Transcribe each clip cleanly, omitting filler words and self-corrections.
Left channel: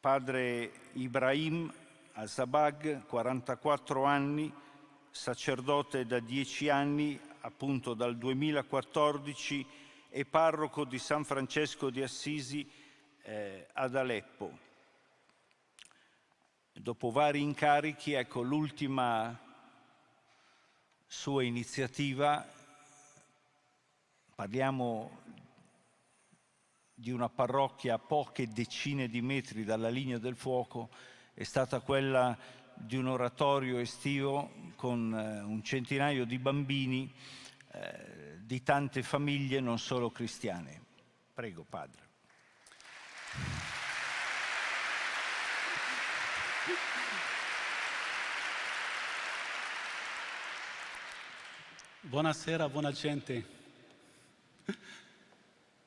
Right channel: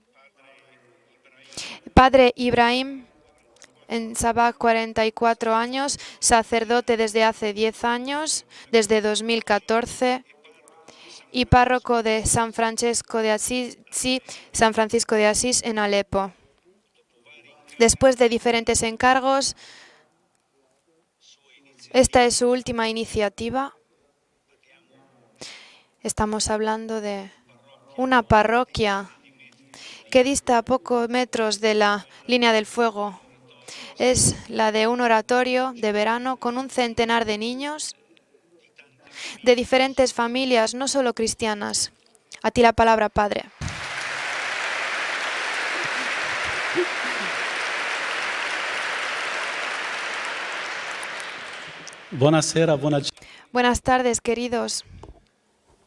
Padre Ibrahim, en Sabah, 44 años, sacerdote desde hace 10 años, desde 2014, y párroco de San Francisco de Asís en Alepo. Después de diferentes encargos, esta es su última iniciativa. Estamos hablando de una parroquia que dista a pocos metros de la línea del fuego. Es la de un oratorio de verano con un centenar de niños de diferentes familias, no solo cristianas. A ti la palabra, Padre. Buonasera, buona gente. Buenas tardes, queridos.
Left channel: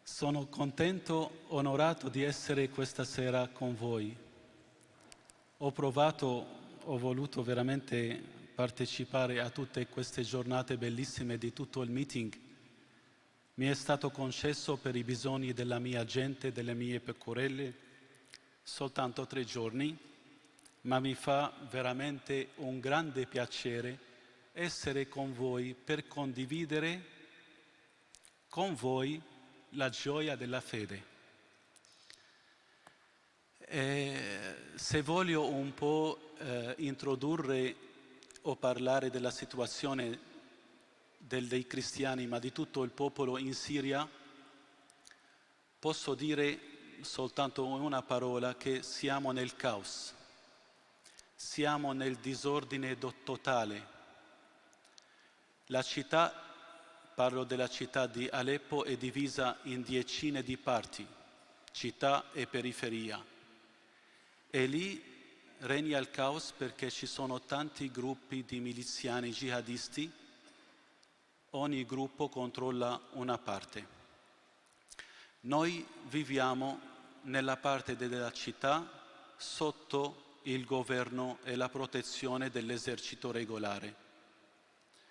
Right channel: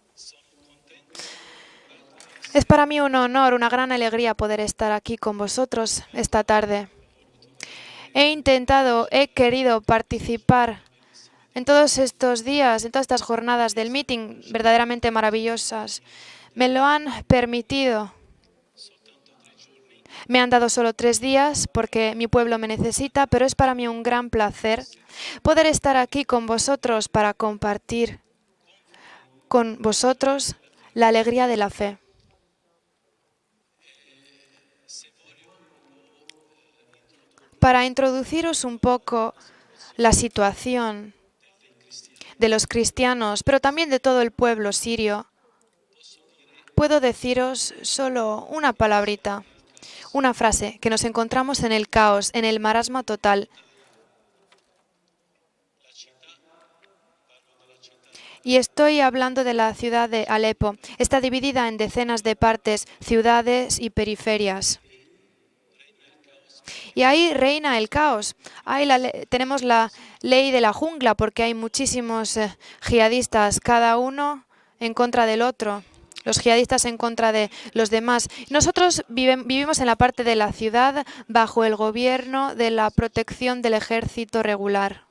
Sono contento, onorato di essere Es para mí questa un sera honor, una con gran voi. alegría poder estar aquí con vosotros Ho esta tarde. ho voluto veramente He intentado, he partecipare a querido tutte queste giornate participar bellissime di en tutto il todos meeting. estos días, en todas estas Mi jornadas è del stato meeting concesso per i verdaderamente bisogni della maravillosas. mia gente, Me delle lo mie han pecorelle, permitido. soltanto 3 giorni. Me han dado solo Ma mi 3 fa días porque mi veramente pueblo me un necesita, grande pero es para mí piacere un gran placer essere con poder voi estar per aquí con condividere vosotros para compartir con voi con la gioia vosotros della fede. la alegría de la fe. Se voglio un po' introdurre Para o introduciros un parlare della poco la situazione situación dei cristiani, ma de di los tutto il popolo cristianos, in pero también de Siria, todo el pueblo sirio, posso dire puedo soltanto deciros con una solo parola una che siamo palabrita, nel caos. una frase, que nos encontramos en el Siamo nel caos, en el disordine marasma total. totale. La città, parlo della città di Y Aleppo, è estoy hablando de divisa la in ciudad de decine di Alepo. parti, Está dividida en decenas città de e partes, periferia. ciudades y E periferias. lì regna il caos perché Y ci ahí sono reina el tanti caos. gruppi di Ahí miliziani tenemos la jihadisti. ley de la jungla porque hay Ogni gruppo muchísimos controlla una jihadistas, parte. cada uno en contra del otro. Noi Los viviamo jihadistas en contra de nella los parte demás. della città Nosotros vivimos en la sotto parte de la il ciudad governo e bajo la el protezione gobierno de la dell'esercito protección del regolare. ejército regular.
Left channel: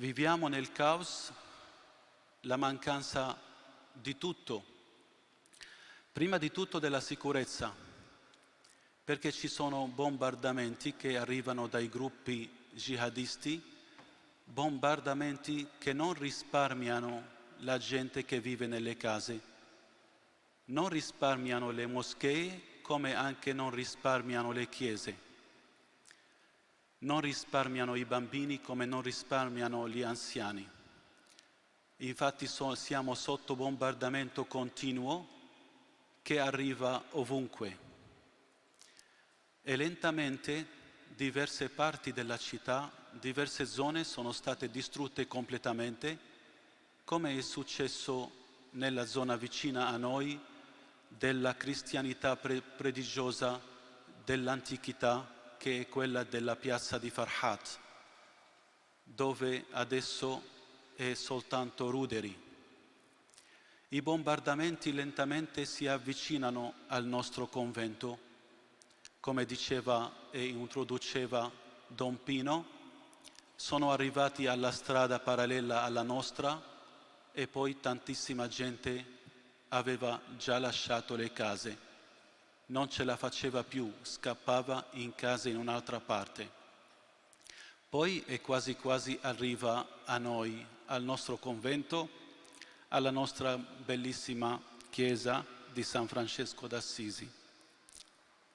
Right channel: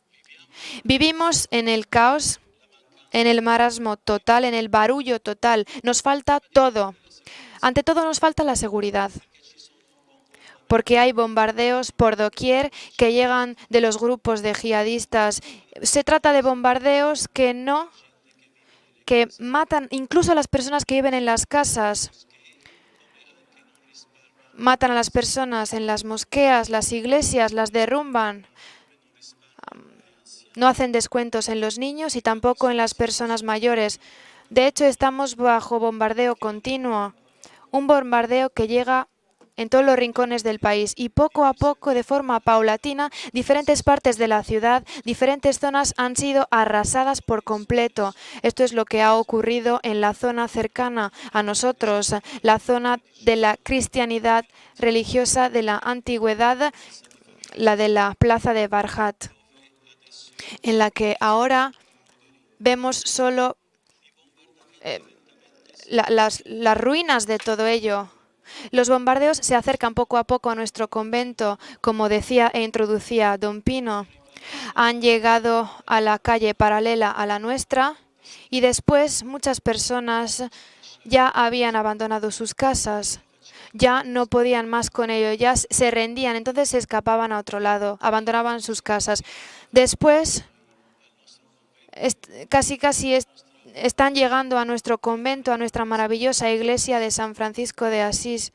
Viviamo nel caos, Vivimos en el caos, la mancanza en el marasmo di total, en tutto. el barullo total. Nos Prima falta di tutto todo. della sicurezza, Ante todo nos falta la seguridad, perché ci sono bombardamenti porque hay che arrivano dai bombardeos por gruppi doquier que llegan jihadisti, de los grupos de jihadistas. bombardamenti che Se non trata de risparmiano bombardeos que la gente che vive nelle que case, matan incluso a las personas non que viven en las risparmiano le casas. moschee, come anche non risparmiano le Matan a las chiese. personas en las mosqueas, las Non iglesias, las risparmiano i derrumban. bambini come non risparmiano gli anziani. No hacen descuentos en los niños y Infatti tampoco en las siamo personas sotto mayores. bombardamento De hecho, continuo estamos bajo bombardeo che arriva continuo. ovunque. Un bombardeo que llega en E todos los rincones del lentamente país y poco a diverse poco, de parti della forma città, paulatina, diverse diferentes zone partes de sono la state ciudad, distrutte diferentes zonas han completamente, sido arrasadas come è por completo. successo Esto es lo que nella ha zona ocurrido vicina a en la noi zona cercana a della nosotros, cristianità la zona de la religiosa cristianidad dell'antichità, religiosa de che la è quella della antigüedad, piazza di Farhat, la de la plaza de Barhat, dove adesso en la è que ahora soltanto ruderi. vemos solo I bombardamenti lentamente si las avvicinano al ruinas de nostro todo ello. convento. Los bombardeos Come se acercan diceva poco a e poco a nuestro introduceva convento, como Don decía e Pino, introducía Don sono Pino. arrivati alla Han strada llegado parallela a alla la calle nostra paralela a la e poi nuestra tantissima y gente después muchas aveva personas già lasciato ya le habían case, abandonado sus non ce la casas, faceva più, ya no podían scappava más con in ello, casa ya in se un'altra rendían, parte. entonces se escapaban a otro lado, Poi è abandonaban quasi sus quasi casas. arriva a Después, noi, al nostro convento, casi alla nostra están llegando bellissima a nuestro chiesa convento, a di nuestra San maravillosa Francesco iglesia de d'Assisi. San Francisco de Asís.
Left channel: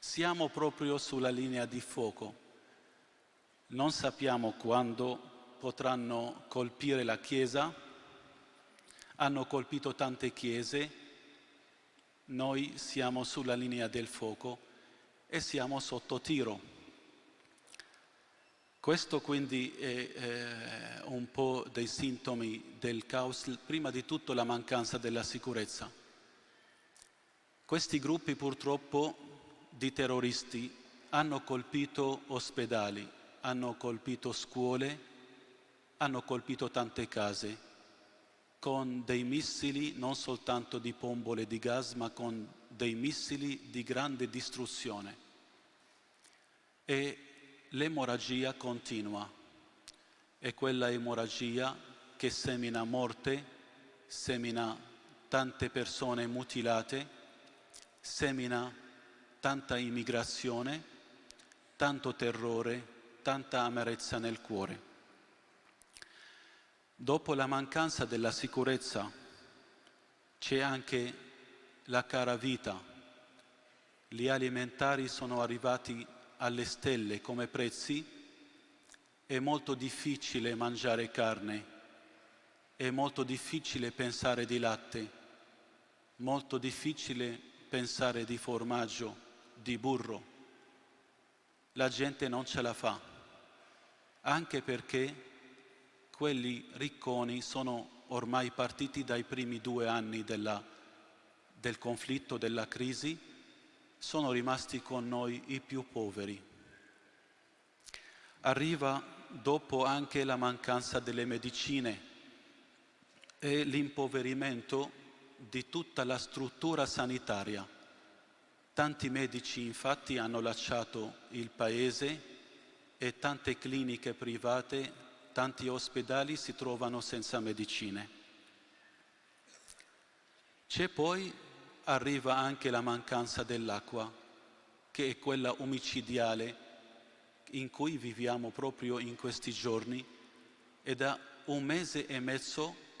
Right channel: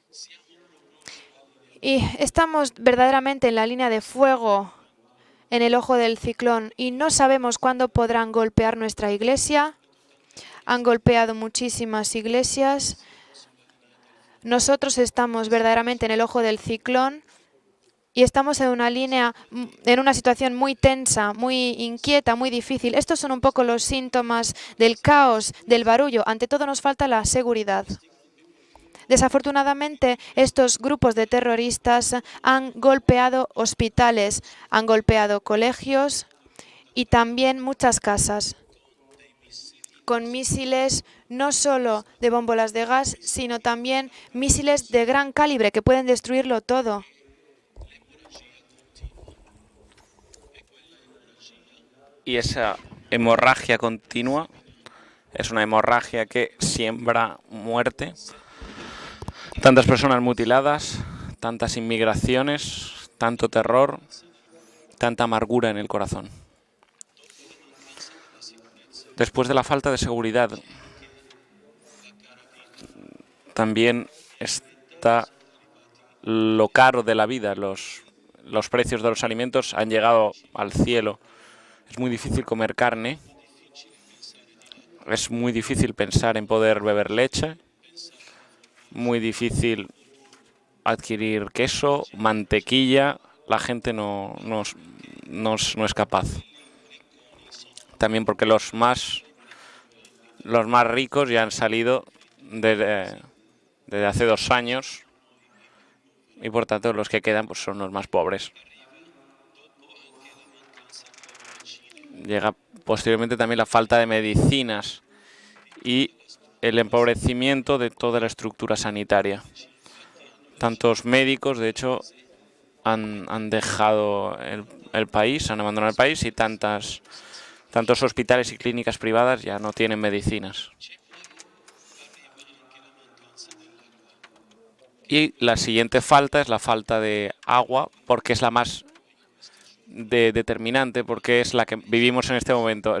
Siamo proprio sulla linea di Y fuoco. estamos verdaderamente en la línea Non de sappiamo fuego, quando en el ojo del potranno ciclón, y colpire no la sabemos chiesa. cuándo podrán golpear nuestra Hanno iglesia. colpito tante Han chiese. golpeado muchísimas Noi iglesias. siamo sulla linea del fuoco Nosotros e estamos siamo verdaderamente en sotto el ojo del tiro. ciclón y estamos en una Questo línea, quindi en una è situación muy un tensa, po' muy dei inquieta, muy sintomi difícil. del Estos son un caos, poco los prima di tutto la síntomas mancanza del della caos, del sicurezza. barullo. Ante todo nos falta la seguridad. Questi gruppi purtroppo di Desafortunadamente, terroristi estos grupos de hanno terroristas colpito han ospedali, golpeado hanno colpito hospitales, han scuole, golpeado hanno colegios colpito y tante case también muchas casas, con dei missili, non con soltanto di misiles bombole no di gas, solo ma de con bombolas de dei gas, missili sino di también grande misiles de distruzione. gran calibre que pueden destruirlo todo. E l'emorragia continua. E quella emorragia che Y esa semina morte, hemorragia continua semina Es una hemorragia que siembra muerte, tantas personas mutiladas, tantas inmigraciones, tanto terror, tanta amargura en el corazón. Después de la falta de seguridad, también está lo caro de la vida. Los precios de los alimentos han llegado al cielo. Es muy difícil comer carne, es muy difícil pensar en poder beber leche, muy difícil adquirir queso, mantequilla. La gente no es capaz. También porque los más ricos ya han salido desde hace 2 años y por tanto los que quedan pues son los más pobres. Llega posteriormente también la falta de medicinas y el empobrecimiento de toda la estructura sanitaria. Tantos médicos, de hecho, han dejado el país, han abandonado el país y tantos hospitales y clínicas privadas ya no tienen medicinas. Y la siguiente falta es la falta de agua, porque es la más determinante, porque es la que vivimos en este momento.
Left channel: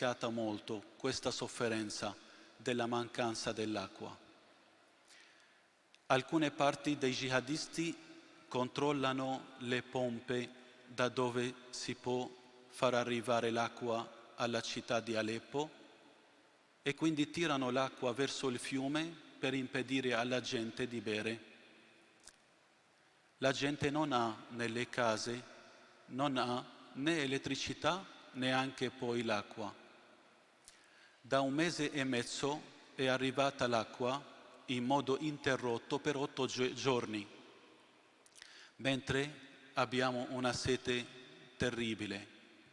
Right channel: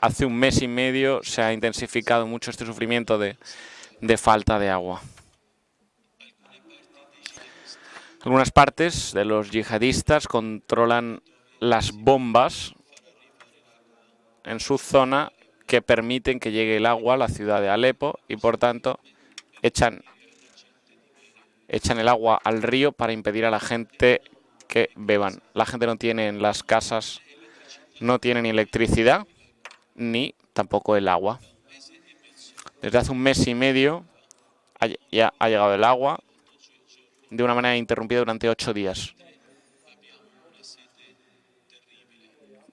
Hace 1 mes y medio se ha intensificado mucho este sufrimiento de falta de agua. Algunas partes de los yihadistas controlan las bombas en su zona que permiten que llegue el agua a la ciudad de Alepo y, por tanto, echan el agua al río para impedir a la gente que beban. La gente no tiene en las casas, no tiene ni electricidad ni tampoco el agua. Desde hace 1 mes y medio ya ha llegado el agua de una manera interrumpida durante 8 días.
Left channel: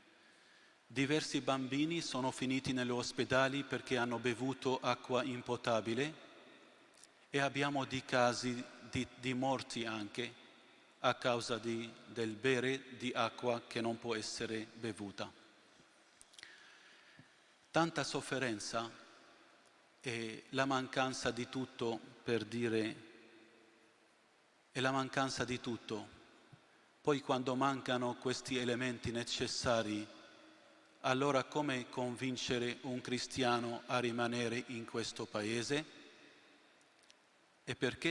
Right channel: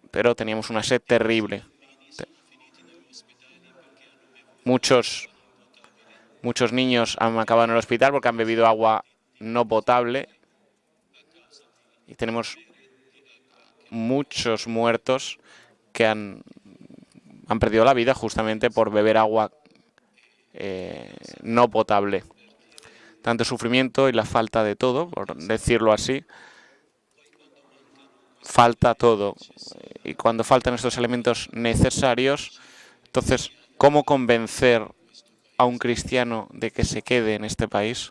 Pero teníamos una sed terrible. Muchos niños han acabado en el hospital porque han bebido agua no potable. Y tenemos muchos muertos que han perdido la vida justamente por beber agua no potable. Tanto sufrimiento y la falta de todo, por decirlo así. Falta todo. Y cuando faltan estos elementos necesarios, entonces, ¿cómo convencer a un cristiano de que se quede en este país?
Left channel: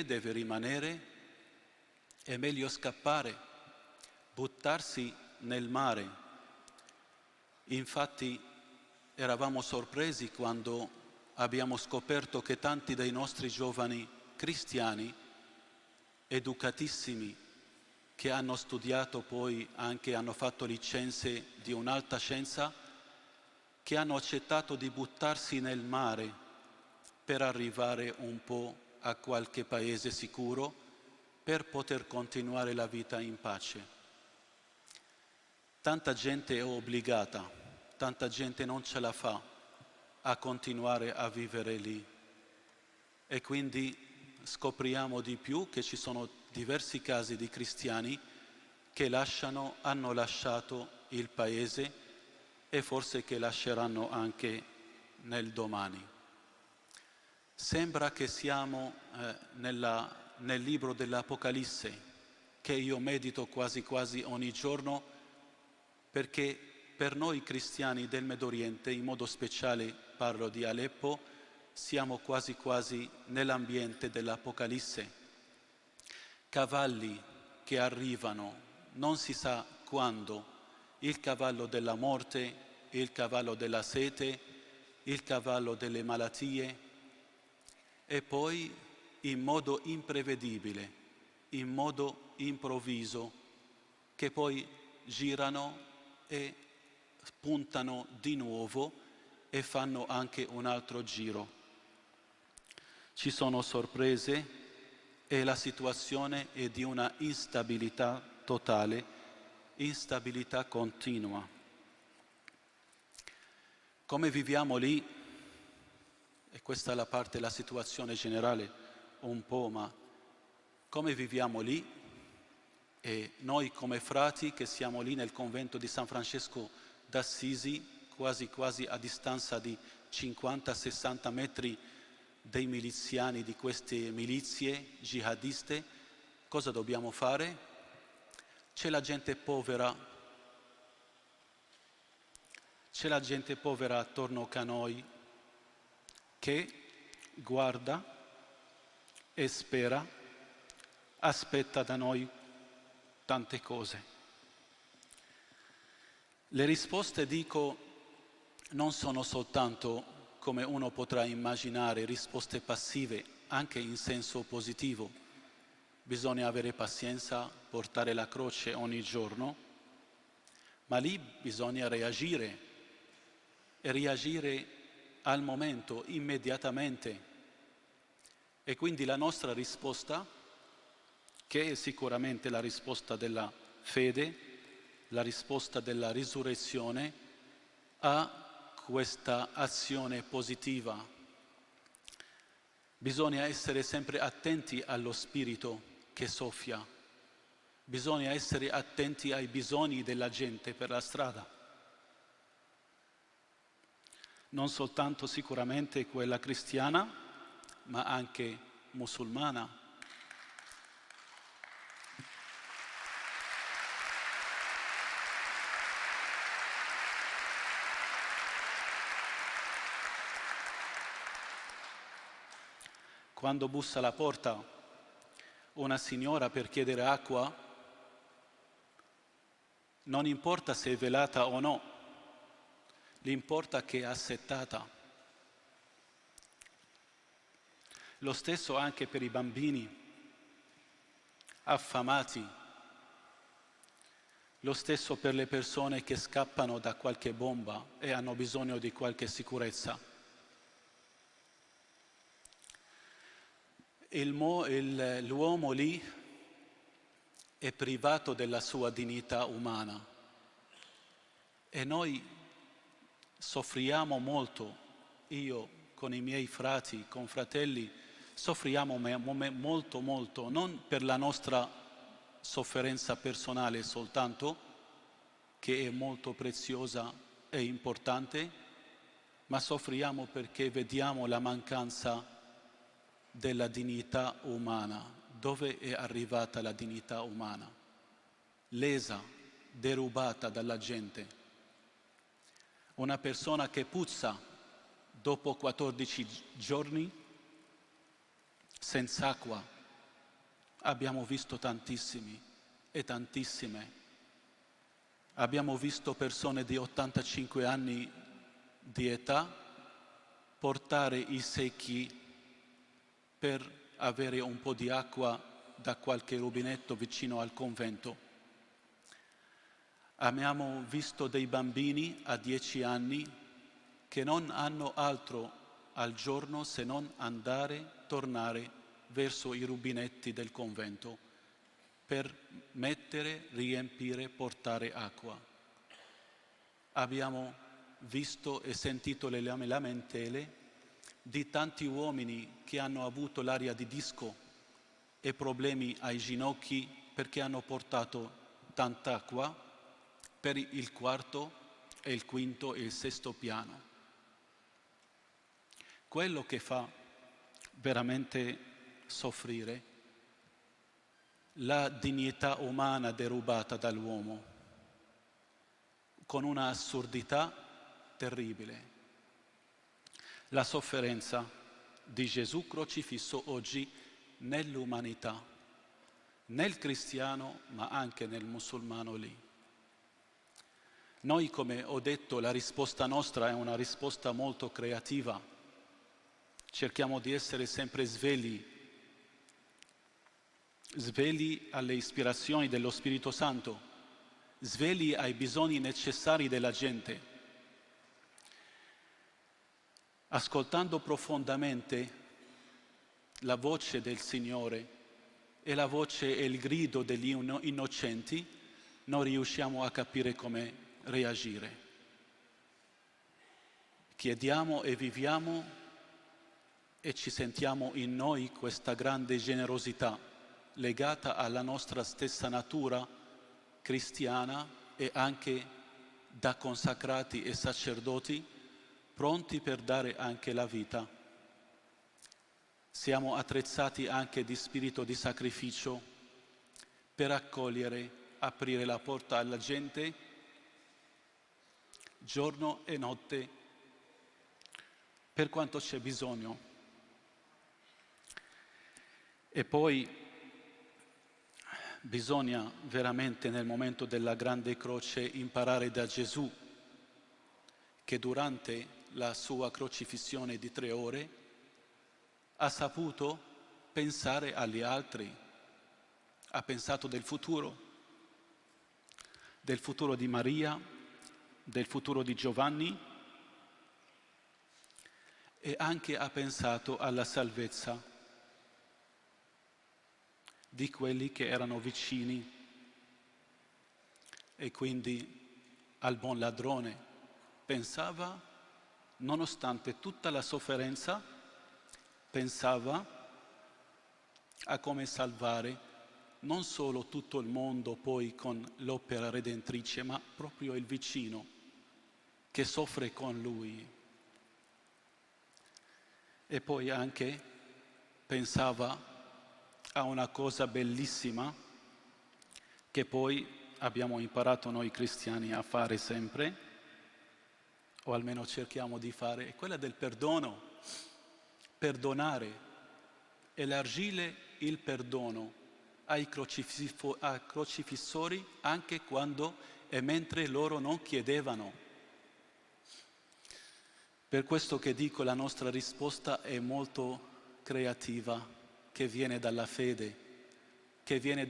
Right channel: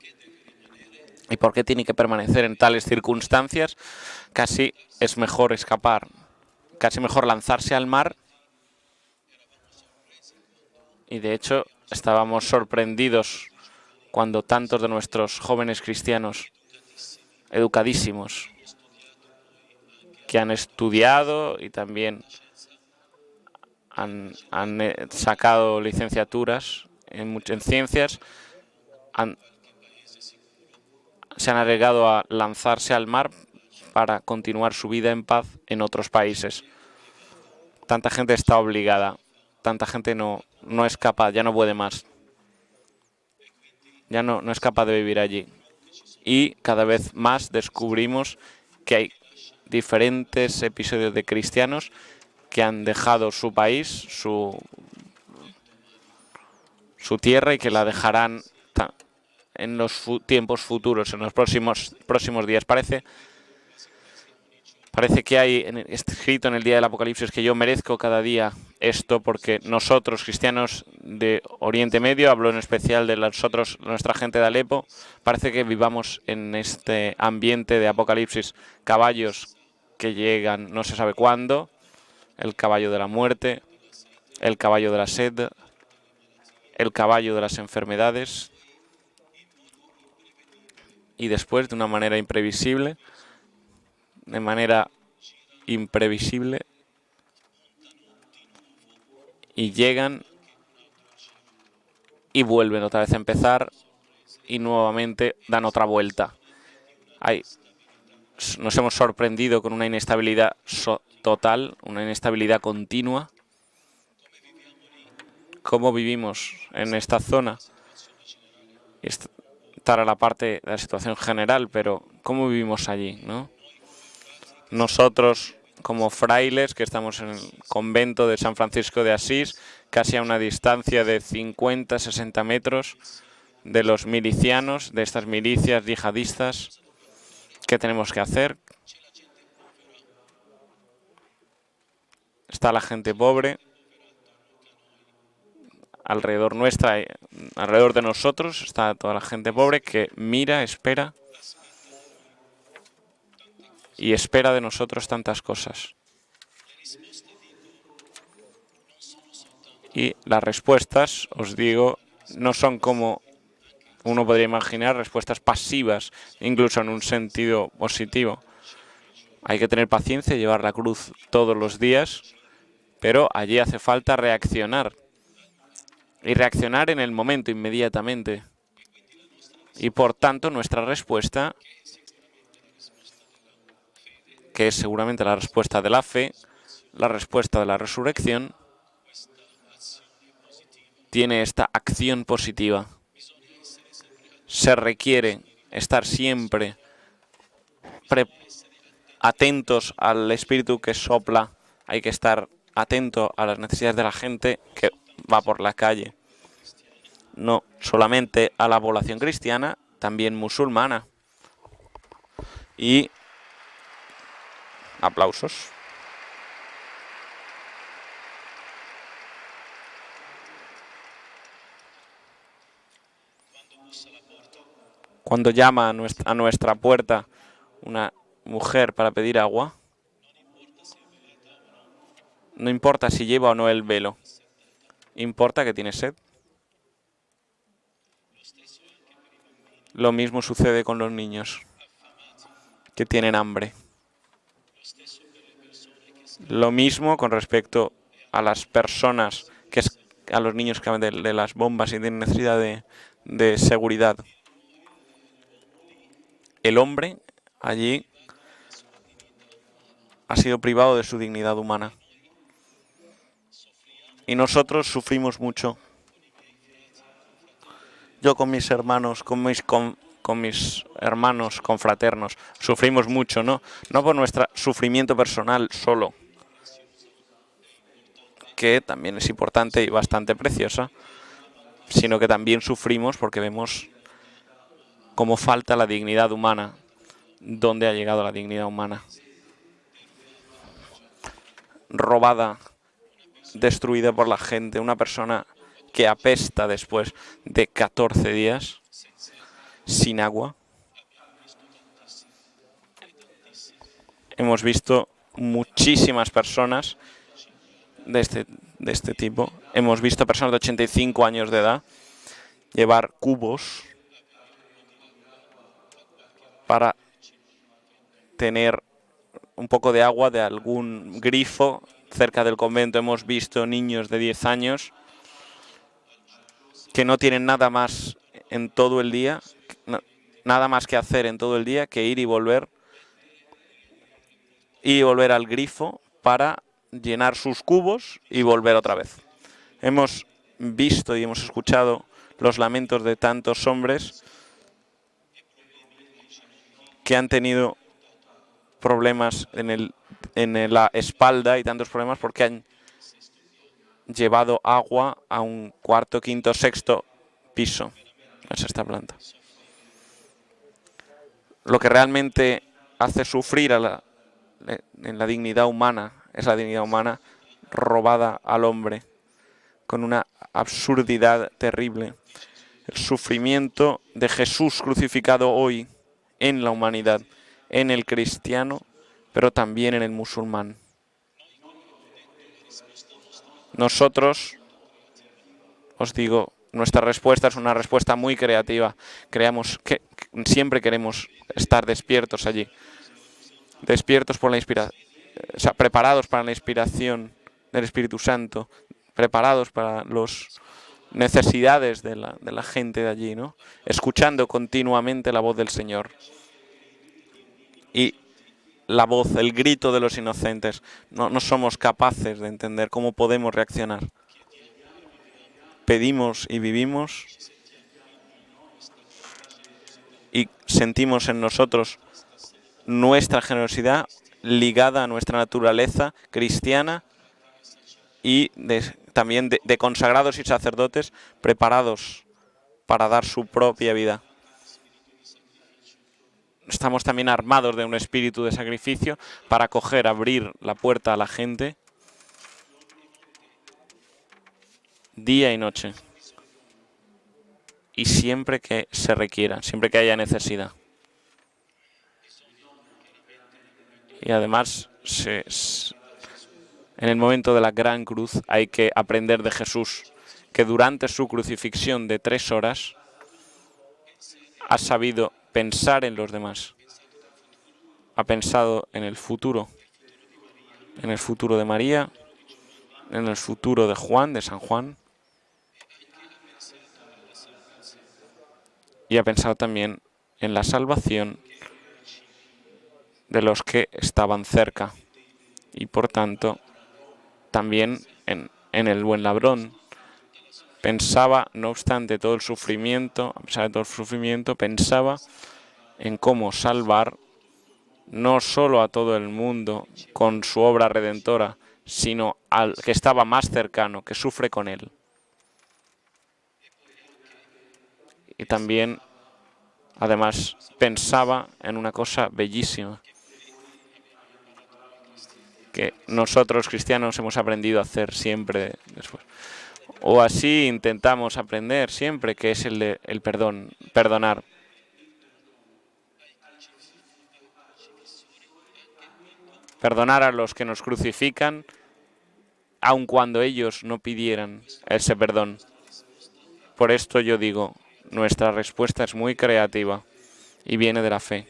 ¿Y por qué tiene que permanecer en tales circunstancias? Casi es mejor escapar, casi mejor lanzarse al mar. Y de hecho, estábamos sorprendidos cuando tantos de nuestros jóvenes cristianos educadísimos, que han estudiado y también han sacado licenciaturas en ciencias, se han arriesgado a lanzarse al mar para continuar su vida en paz en otros países. Tanta gente está obligada, tanta gente no es capaz, ya no puede más. Ya no es capaz de vivir allí. Y cada vez más descubrimos que hay diferentes episodios de cristianos que han dejado su país, su tierra, y que la dejarán en los tiempos futuros, en los próximos días. Parece que hay escrito en el día del Apocalipsis que yo merezco cada día esto, porque nosotros, cristianos de Oriente Medio, hablo en especial de nuestra gente de Alepo, parece que vivamos en este ambiente de Apocalipsis. Caballos que llegan no se sabe cuándo, el caballo de la muerte, el caballo de la sed, el caballo de las enfermedades. Y después, de una manera imprevisible, y llegan y vuelven otra vez a empezar y nuevamente dan otra vuelta. Nos hemos sorprendido con una inestabilidad total, una inestabilidad continua. ¿Cómo vivimos en esta zona? estar a la parte de la situación general, pero ¿cómo vivimos allí, ¿no? Nosotros, como frailes que estamos en el convento de San Francisco de Asís, casi a una distancia de 50, 60 metros de los milicianos, de estas milicias yihadistas, ¿qué tenemos que hacer? Está la gente pobre alrededor nuestra, alrededor de nosotros, está toda la gente pobre que mira, espera y espera de nosotros tantas cosas. Y las respuestas, os digo, no son como uno podría imaginar, respuestas pasivas, incluso en un sentido positivo. Hay que tener paciencia y llevar la cruz todos los días, pero allí hace falta reaccionar. Y reaccionar en el momento, inmediatamente. Y por tanto nuestra respuesta, que es seguramente la respuesta de la fe, la respuesta de la resurrección, tiene esta acción positiva. Se requiere estar siempre atentos al espíritu que sopla. Hay que estar atento a las necesidades de la gente que va por la calle. No solamente a la población cristiana, también musulmana. Y aplausos. Cuando llama a nuestra puerta una mujer para pedir agua, no importa si lleva o no el velo, importa que tiene sed. Lo mismo sucede con los niños que tienen hambre. Lo mismo con respecto a las personas, a los niños que de las bombas y tienen necesidad de seguridad. El hombre allí ha sido privado de su dignidad humana. Y nosotros sufrimos mucho. Yo con mis hermanos, con mis hermanos confraternos, sufrimos mucho, ¿no? No por nuestro sufrimiento personal solo, que también es importante y bastante preciosa, sino que también sufrimos porque vemos cómo falta la dignidad humana, dónde ha llegado la dignidad humana, robada, destruida por la gente, una persona que apesta después de 14 días sin agua. Hemos visto muchísimas personas de este tipo. Hemos visto personas de 85 años de edad llevar cubos para tener un poco de agua de algún grifo cerca del convento. Hemos visto niños de 10 años que no tienen nada más en todo el día, nada más que hacer en todo el día que ir y volver al grifo para llenar sus cubos y volver otra vez. Hemos visto y hemos escuchado los lamentos de tantos hombres que han tenido problemas en la espalda y tantos problemas porque han llevado agua a un cuarto, quinto, sexto piso. Es esta planta. Lo que realmente hace sufrir en la dignidad humana es la dignidad humana robada al hombre con una absurdidad terrible. El sufrimiento de Jesús crucificado hoy en la humanidad, en el cristiano, pero también en el musulmán. Nosotros, os digo, nuestra respuesta es una respuesta muy creativa. Creamos que siempre queremos estar despiertos allí, despiertos por la inspiración, o sea, preparados para la inspiración del Espíritu Santo, preparados para las necesidades de la gente de allí, ¿no? Escuchando continuamente la voz del Señor y la voz, el grito de los inocentes. No somos capaces de entender cómo podemos reaccionar. Pedimos y vivimos y sentimos en nosotros nuestra generosidad ligada a nuestra naturaleza cristiana y también de consagrados y sacerdotes preparados para dar su propia vida. Estamos también armados de un espíritu de sacrificio para abrir la puerta a la gente día y noche y siempre que se requiera, siempre que haya necesidad. Y además, en el momento de la gran cruz hay que aprender de Jesús, que durante su crucifixión de 3 horas ha sabido pensar en los demás. Ha pensado en el futuro de María, en el futuro de Juan, de San Juan, y ha pensado también en la salvación de los que estaban cerca y, por tanto, también en el buen ladrón. Pensaba, no obstante todo el sufrimiento, a pesar de todo el sufrimiento, pensaba en cómo salvar no solo a todo el mundo con su obra redentora, sino al que estaba más cercano, que sufre con él. Y también, además, pensaba en una cosa bellísima que nosotros cristianos hemos aprendido a hacer siempre, o así intentamos aprender siempre, que es el perdón, perdonar. Perdonar a los que nos crucifican, aun cuando ellos no pidieran ese perdón. Por esto yo digo, nuestra respuesta es muy creativa y viene de la fe,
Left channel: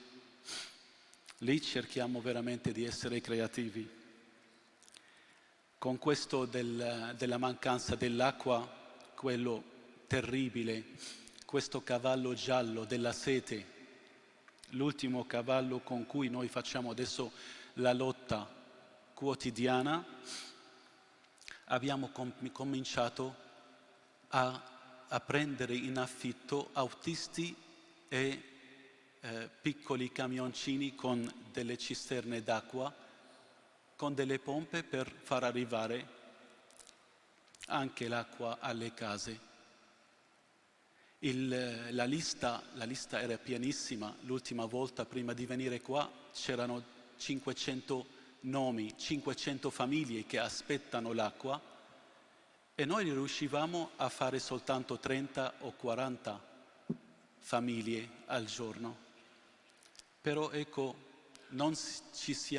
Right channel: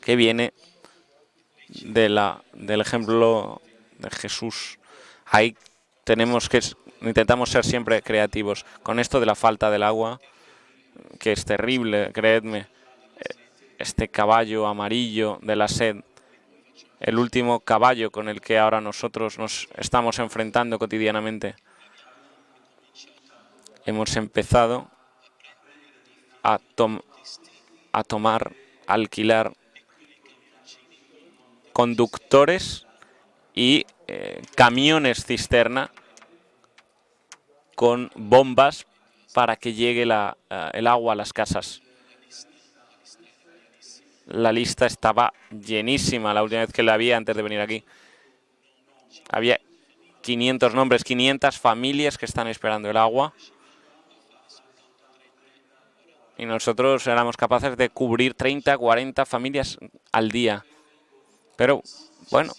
que viene del ejemplo de Jesús. Ahí intentamos ser siempre creativos. Con esto de la falta del agua, que es terrible, creedme, este caballo amarillo de la sed, el último caballo con el que ahora nosotros nos estamos enfrentando cotidianamente, hemos empezado a alquilar conductores y camiones cisterna con bombas para que llegue el agua a las casas. La lista estaba llenísima la última vez que la vi antes de venir aquí. Había 500 nombres, 500 familias que están esperando el agua. Y nosotros éramos capaces de cubrir 30, 40 familias al día. Pero, bueno,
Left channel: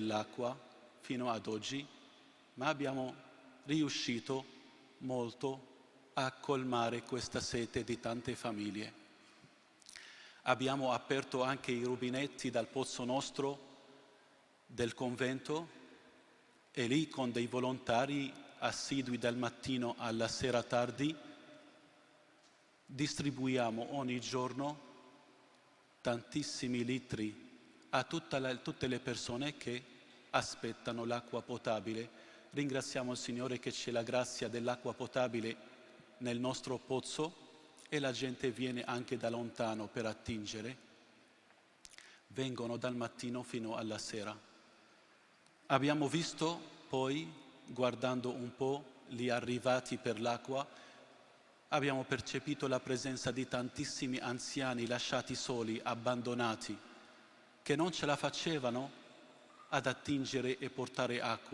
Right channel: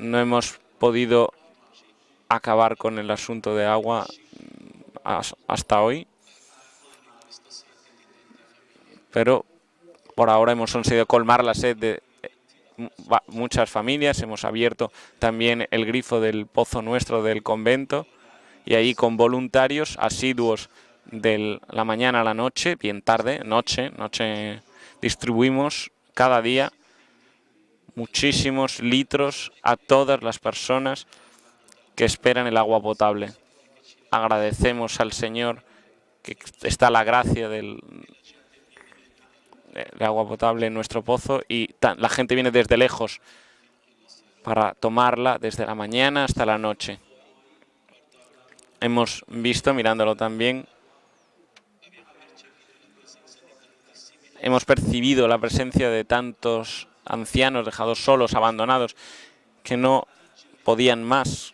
no hemos podido acabar con el asunto de agua hasta hoy. Pero por ahora hemos conseguido colmar la sed de muchas familias. Hemos abierto también el grifo del pozo nuestro del convento. Y ahí con voluntarios asiduos de la mañana a la noche, bien tarde, noche, distribuimos cada día muchísimos litros a todas las personas que esperan el agua potable. Agradecemos al Señor que está la gracia del agua potable en nuestro pozo y la gente viene desde lejos para tomarla desde la mañana hasta la noche. Hemos visto, mirándolo también, hemos percibido la presencia de tantos ancianos dejados solos, abandonados, que no podían más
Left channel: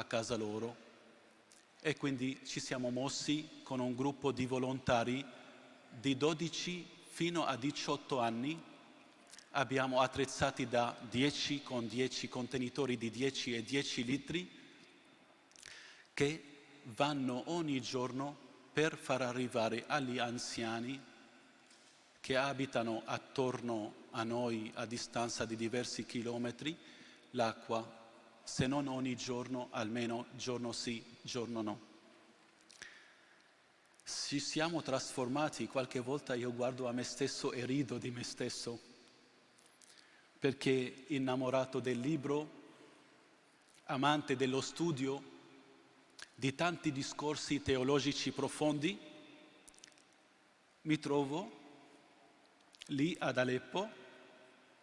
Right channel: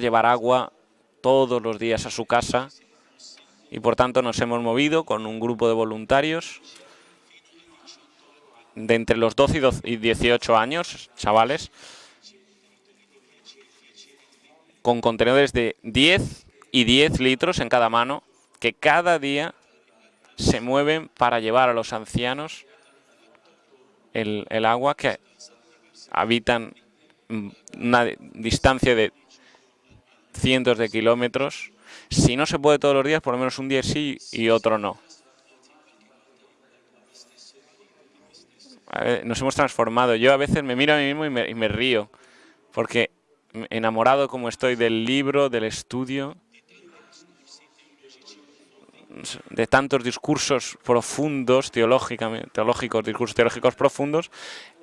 llevar agua todos los días a su casa, y por tanto nos hemos movido con un grupo de voluntarios de entre los 12 y 18 años, chavales, con contenedores de 10 y 10 litros en cada mano, que cada día se mueven para llevar a los ancianos el agua, que habitan una distancia de cientos de kilómetros. Si no se puede todos los días, por lo menos un día sí y otro no. Nos hemos transformado. Yo a veces me miro a mí mismo y me río, porque enamorado como estoy del libro, del estudio, de tantos discursos profundos, discursos teológicos profundos,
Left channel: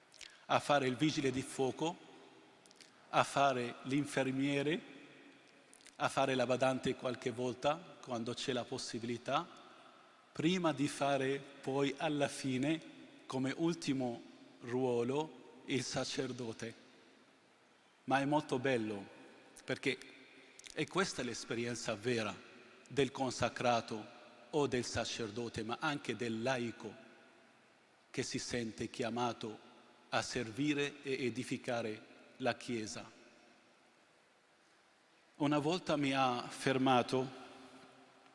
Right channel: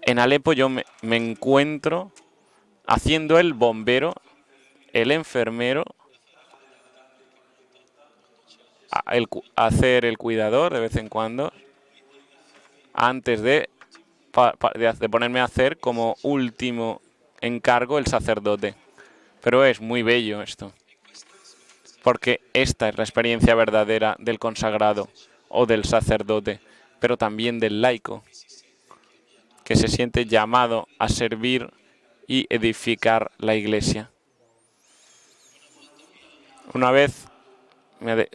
en Alepo yo me encuentro haciendo el bombero, el enfermero, hacer el cuidador de vez en cuando, antes de ponerme a hacer como último encargo el sacerdote. Pero es muy bello esto, porque esta es la experiencia verdadera del consagrado o del sacerdote, pero también del laico, que se siente llamado a servir y edificar la Iglesia. Una vez me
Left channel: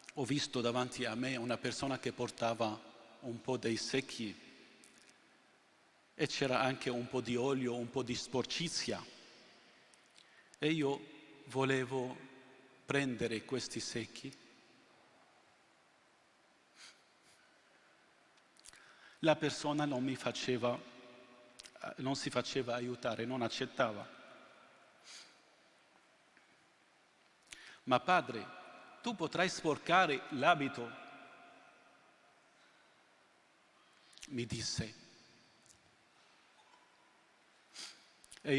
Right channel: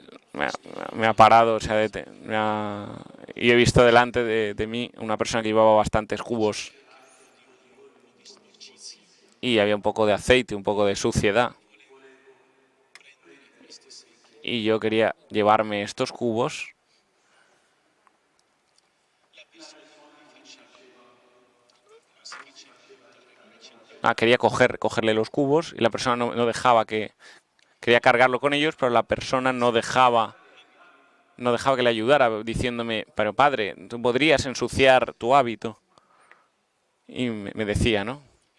ha parado, o sea, y he visto delante de mí una persona que llevaba bastantes cubos y había un poco de aceite, un poco de suciedad. Y yo quería llevarme estos cubos. Quería cogerle los cubos y la persona no dejaba que... Quería cargarlo con ellos, pero la persona no dejaba que le ayudara, diciéndome, pero padre, tú podrías ensuciar tu hábito. Y me decía, ¿no? Y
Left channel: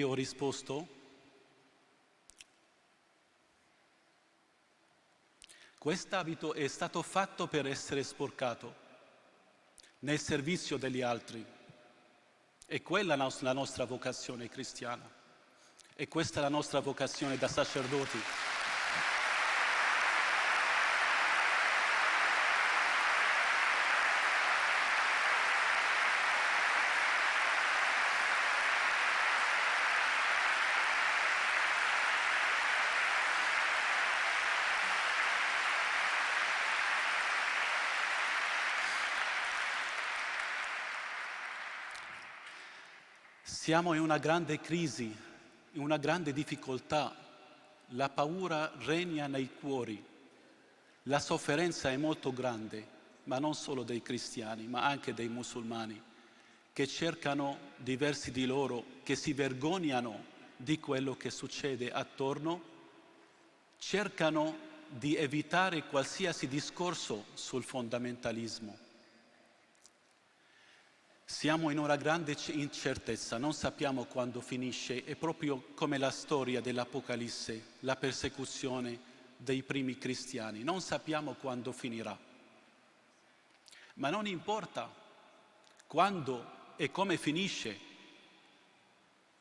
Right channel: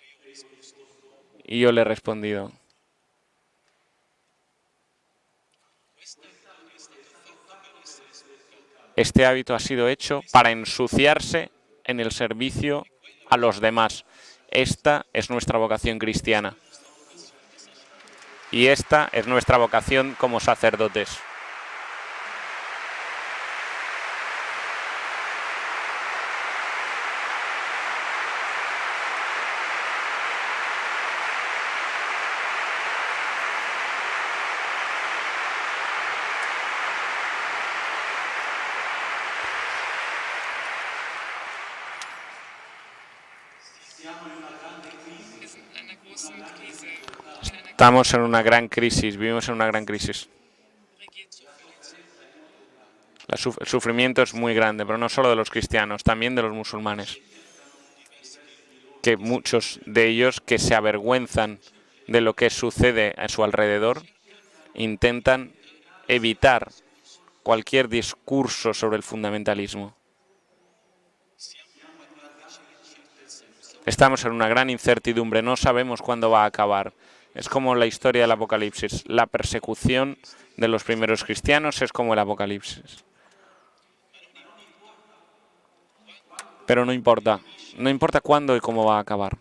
yo le he respondido, este hábito ha sido hecho para ensuciarse en el servicio a los demás. Esta es nuestra vocación cristiana. Y esta es nuestra vocación como sacerdotes. Estamos en una gran crisis, vivimos en una gran crisis. El sufrimiento es muy grande, pero no solo de los cristianos, también de los musulmanes, que muchos de ellos que se avergüenzan de lo que sucede a su alrededor, intentan evitar cualquier discurso sobre el fundamentalismo. Estamos en una gran incertidumbre, no sabemos cuándo va a acabar. Es como la historia del Apocalipsis. La persecución de los primeros cristianos es como el Apocalipsis. Pero no importa cuándo y cómo va a acabar.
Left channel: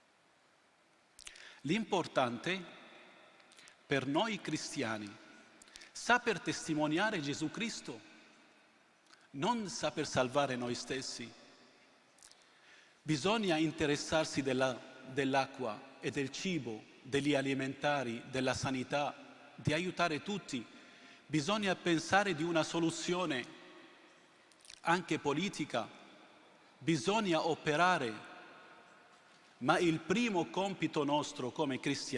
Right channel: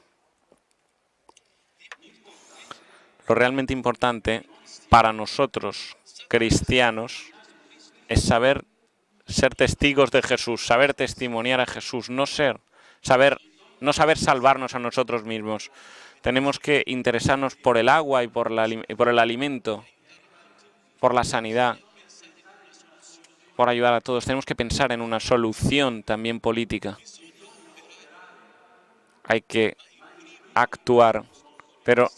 Lo realmente importante para nosotros, cristianos, es saber ser testigos de Jesús, saber testimoniar a Jesús, no saber salvarnos a nosotros mismos. Tenemos que interesarnos por el agua y por el alimento, por la sanidad, por ayudar a todos. Tenemos que pensar en una solución también política. Hay que actuar, pero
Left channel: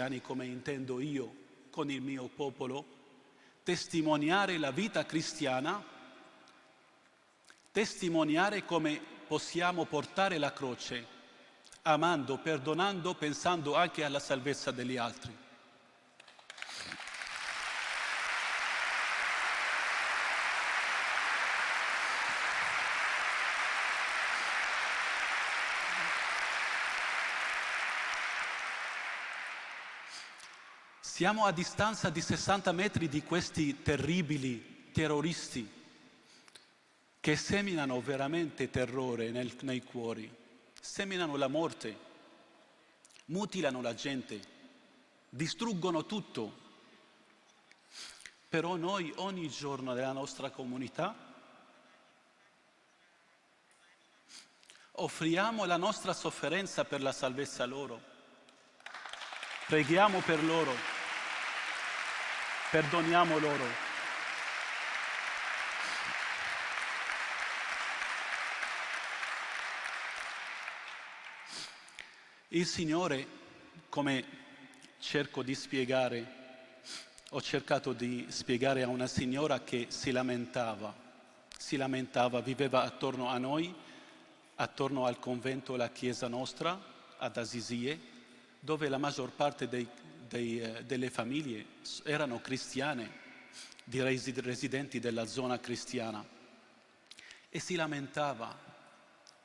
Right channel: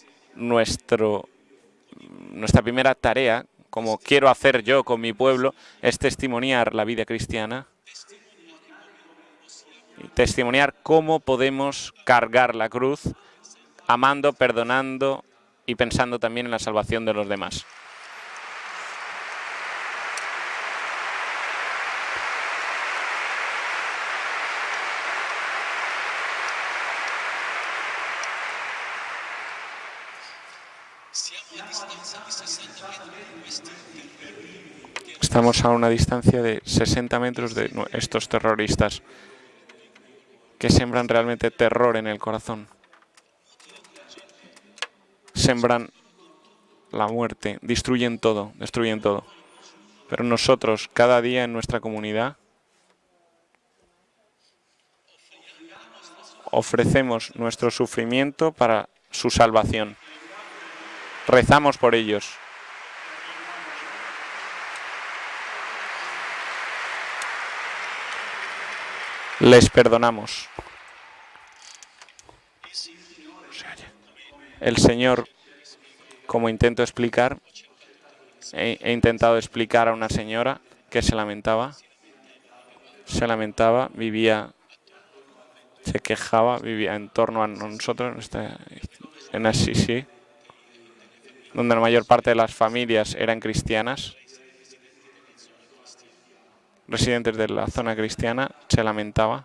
nuestra primera tarea, como quiero hacer yo con mi pueblo, es testimoniar la vida cristiana, testimoniar cómo podemos cargar la cruz, amando, perdonando y pensando también en la salvación de los demás. Estamos a una distancia de 60 metros de estos terroristas que sembran realmente terror en el corazón. Sembran la muerte, destruyen todo. Pero nosotros, cada día en nuestra comunidad, ofrecemos nuestro sufrimiento para su salvación. Rezamos por ellos. Les perdonamos. El Señor, como intento explicar, he intentado explicar a una señora que se lamentaba, vivía, se quejaba, vivía en torno a nosotros, en Assisi, donde la mayor parte de las familias eran cristianas, residentes de la zona cristiana, se lamentaba,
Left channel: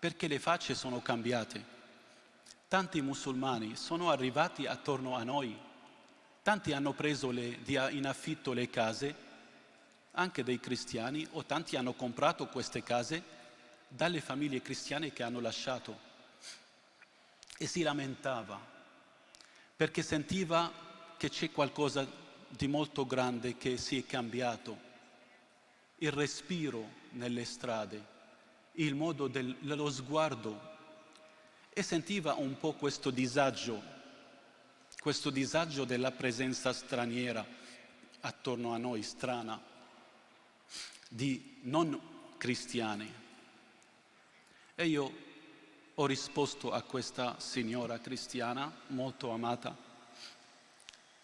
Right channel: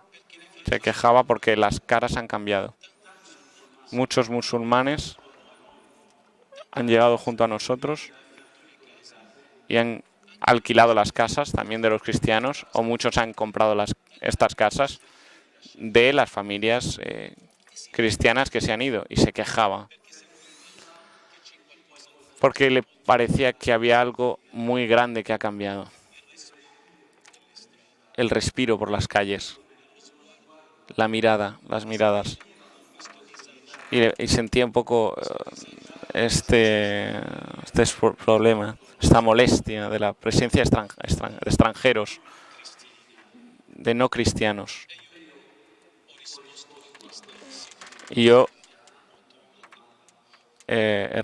se quejaba porque las caras han cambiado. Muchos musulmanes han llegado junto a nosotros y han alquilado las casas también de los cristianos, o muchos han comprado estas casas de las familias cristianas que se han ido, y se quejaba porque le parecía que había algo muy grande que ha cambiado. El respiro por las calles, la mirada, las miradas. Y sentía un poco este problema, esta molestia de la presencia de extranjeros, de no cristianos. Y yo he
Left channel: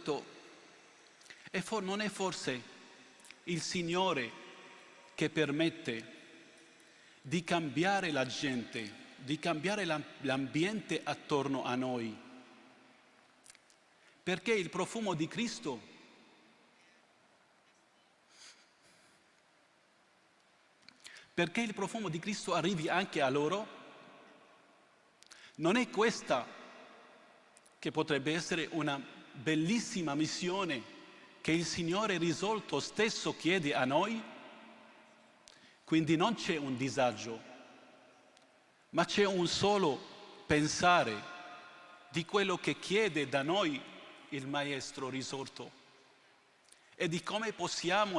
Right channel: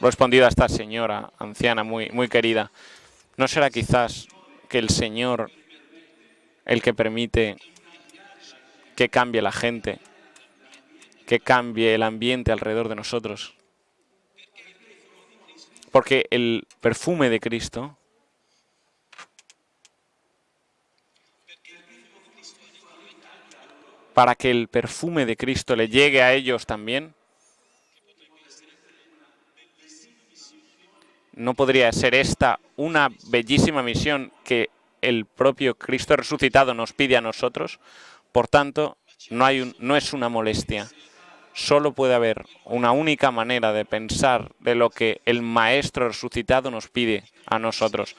respondido a esta señora anciana muy querida: ¿no será quizás que el Señor el que permite que cambie la gente, que cambie el ambiente alrededor de nosotros? Porque el perfume de Cristo, para que el perfume de Cristo le llegue a ellos también, no podría ser esta una bellísima misión que el propio Cristo resucitado nos pide a nosotros. Por tanto, no es una molestia. Solo puede haber una única manera de pensar de lo que el Maestro resucitado nos pide a nosotros.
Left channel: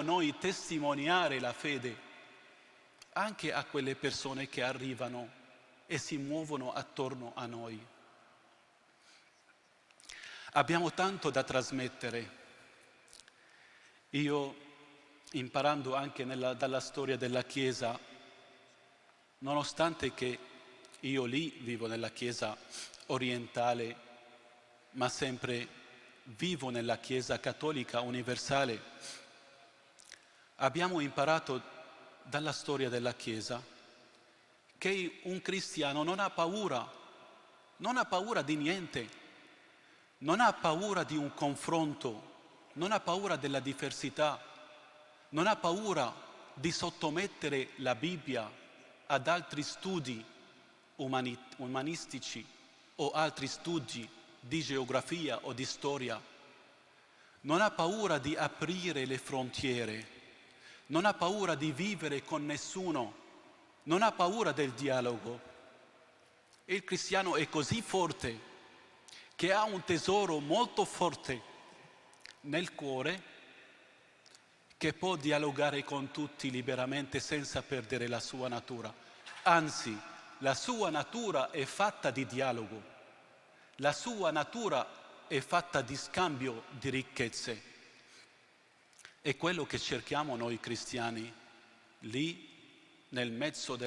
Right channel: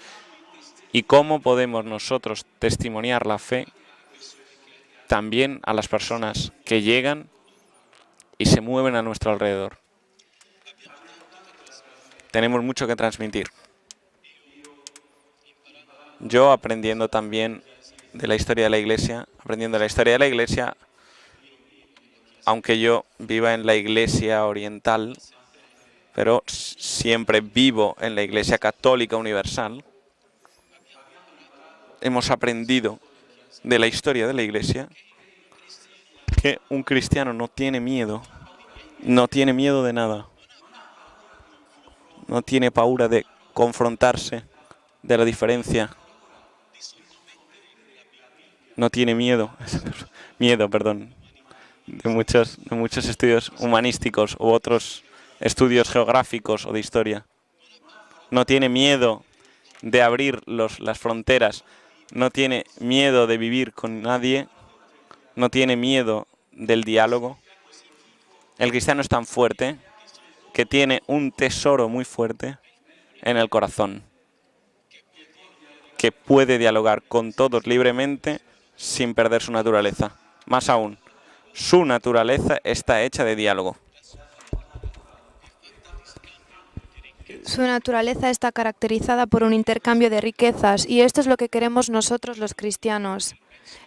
Y cómo podemos nosotros testimoniar la fe también a las personas que llegan y se mueven a nuestro alrededor. Tenemos mucho que transmitir. Yo, aprendiendo también de la historia de la Iglesia, aunque yo viva en la Iglesia oriental, pero siempre vivo en la Iglesia católica universal, hemos aprendido de la historia de la Iglesia que un cristiano no tiene miedo de nada, no tiene paura de confrontarse, de la diferencia, no tiene miedo de muchos estudios humanísticos u otros estudios geográficos o de historia. No tiene miedo de abrir las fronteras, no tiene miedo de vivir con nadie, no tiene miedo del diálogo. El cristiano es tan fuerte que tiene un tesoro muy fuerte en el corazón, que puede dialogar con todos libremente sin perder su naturaleza. Más aún, su naturaleza está hecha de diálogo. Su naturaleza está caracterizada por un intercambio de riquezas, y esto es lo que queremos nosotros los cristianos.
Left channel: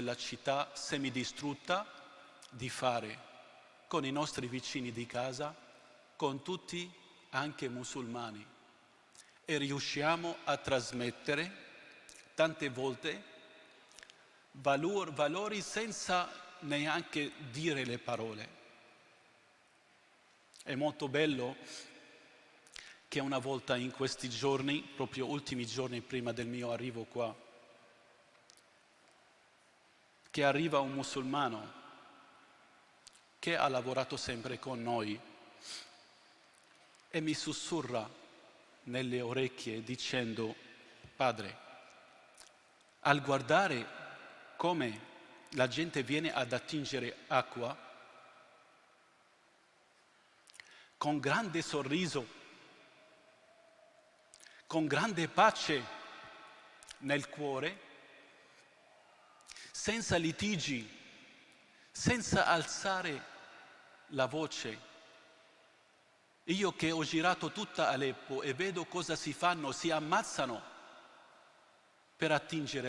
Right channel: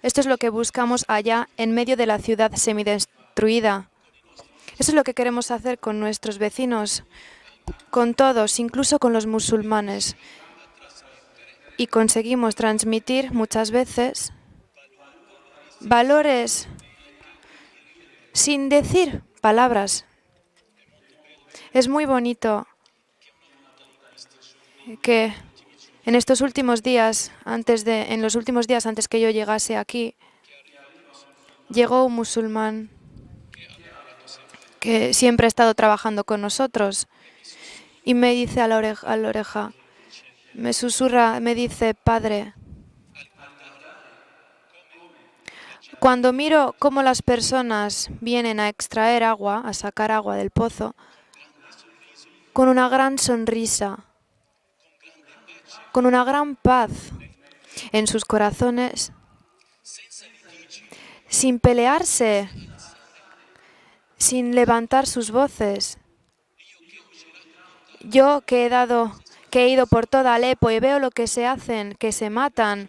Esto es lo que buscamos allá en medio de la ciudad semidestruida. Eso es lo que queremos hacer con nuestros vecinos, con todos, incluso con los musulmanes. Y conseguimos transmitir muchas veces valores sin decir palabras. Es muy bonito que en estos últimos días, en los últimos días antes que yo llegase aquí, llegó un musulmán que siempre ha estado trabajando con nosotros y me dice a la oreja, me susurra, me dice: Padre, cuando miro cómo las personas vienen a extraer agua, a sacar agua del pozo, con una gran sonrisa, con una gran paz en sus corazones, sin pelearse, sin levantar sus voces. Yo que he ido por toda Alepo y veo lo que se hacen, que se matan